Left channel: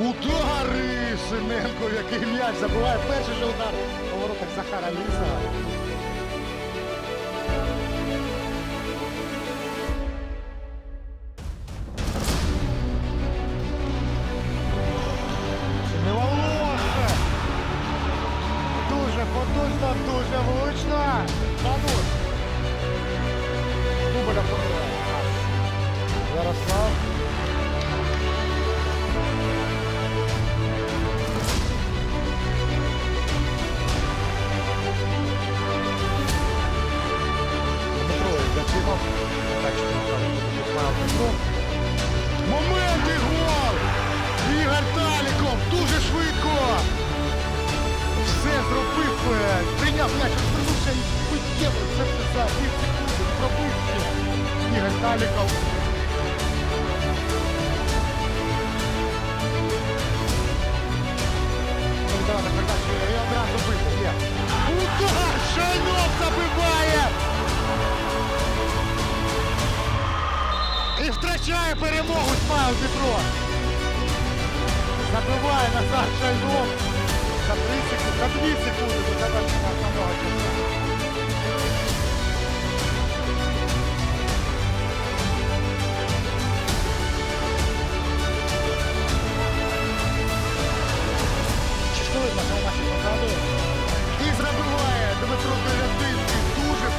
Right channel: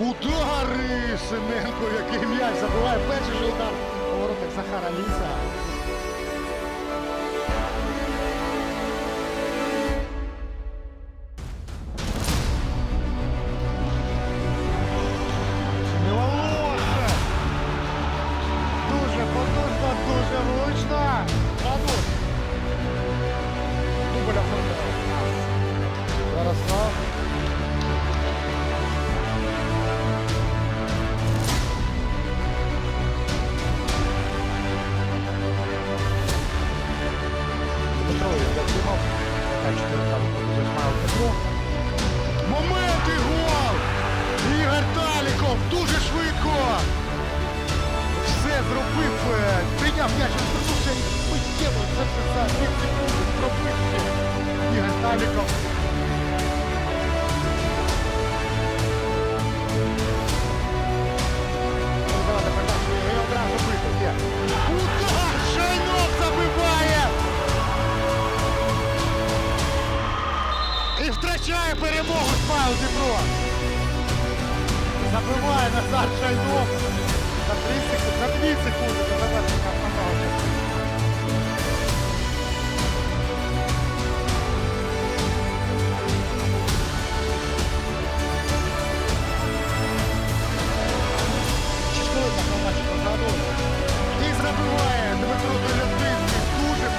Удари! Синенко, який м'яч забиває перший же удар по воротах Захара Ліса. Волосся! Дуже потужно, дуже влучно. Данут. Дубль оформляє нас. Ярослав. Євдокимов. Така чотирка виходить Ісмайл Дмитро. Момент і гол! Ігор Таліков дуже швидко! Все зробив, е, прийняв м'яч, розвернувся і миттєво це все за пів секунди і пробив ще. Ігор Таліков. Передавати передачу і одразу бити. Є. Удар! Шайнов забиває! І втрачає перемогу Смайл Дніпро. Забиває Назар Шайнов за 3 секунди, за 2 секунди до завершення основного часу. Видно, що в матчі позаду. І забиває Дмитро Долятинський. Дуже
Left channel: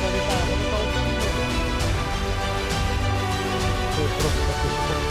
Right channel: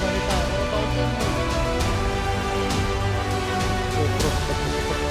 залітає. Ворота 1-0. Це просто так високо